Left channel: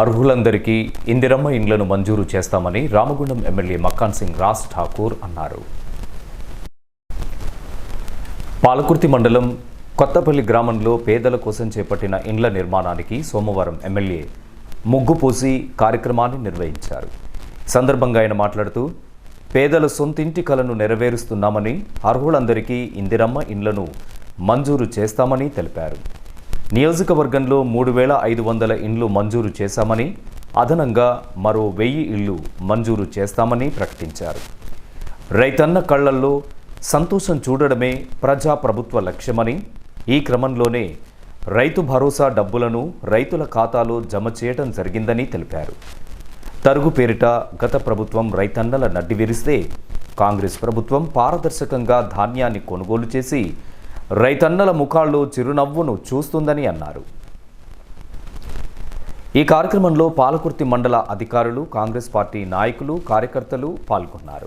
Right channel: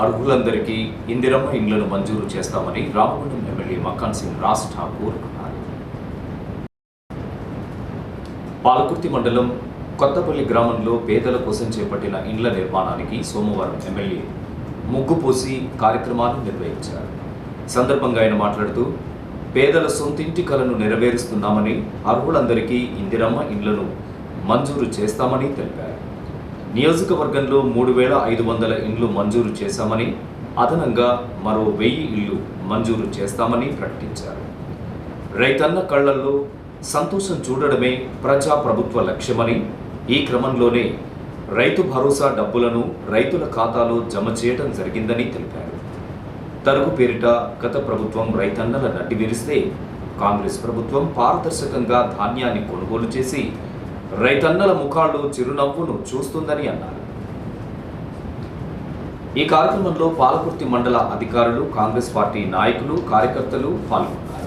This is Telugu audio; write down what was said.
అర్హులందరికీ ఇందిరమ్మ ఇండ్లను మంజూరు చేస్తామని రామగుండం ఎమ్మెల్యే మక్కాన్ సింగ్ రాజ్ ఠాకూర్ అన్నారు. పాలకుర్తి మండలం కొత్తపల్లి గ్రామంలో పేదల కోసం చేపట్టిన ఇండ్ల నిర్మాణానికి సోమవారం ఎమ్మెల్యే ముగ్గు పోసి కార్యక్రమాన్ని నిర్వహించారు. సందర్భంగా ఆయన మాట్లాడుతూ పేదల సొంతింటి కలను నెరవేరుస్తున్నామని అర్హులందరికీ ఇందిరమ్మ ఇండ్లను మంజూరు చేస్తామని తెలిపారు. నియోజకవర్గంలో మూడు వేల ఐదు వందల ఇండ్లు మంజూరు చేశామని అదనంగా మరో వెయ్యి ఇళ్ళు మంజూరు చేస్తామని ప్రకటించారు. రైతన్న కళ్ళల్లో సంతోషం చూడడమే ప్రజా ప్రభుత్వ లక్ష్యమని ఈ క్రమంలోనే రైతు భరోసా డబ్బులను రైతుల ఖాతాలో జమ చేయడం జరిగిందని తెలిపారు. తరుగు పేరిట గత ప్రభుత్వం రైతన్నల నడ్డి విరిస్తే కాంగ్రెస్ ప్రభుత్వం పారదర్శకంగా ధాన్యాన్ని కొనుగోలు చేసి రైతన్నల ముఖాల్లో చిరునవ్వును చూస్తుందని అన్నారు. ఈ కార్యక్రమంలో పాలకుర్తి మండల అధికారులు కాంగ్రెస్ పార్టీ నాయకులు కార్యకర్తలు పాల్గొన్నారు.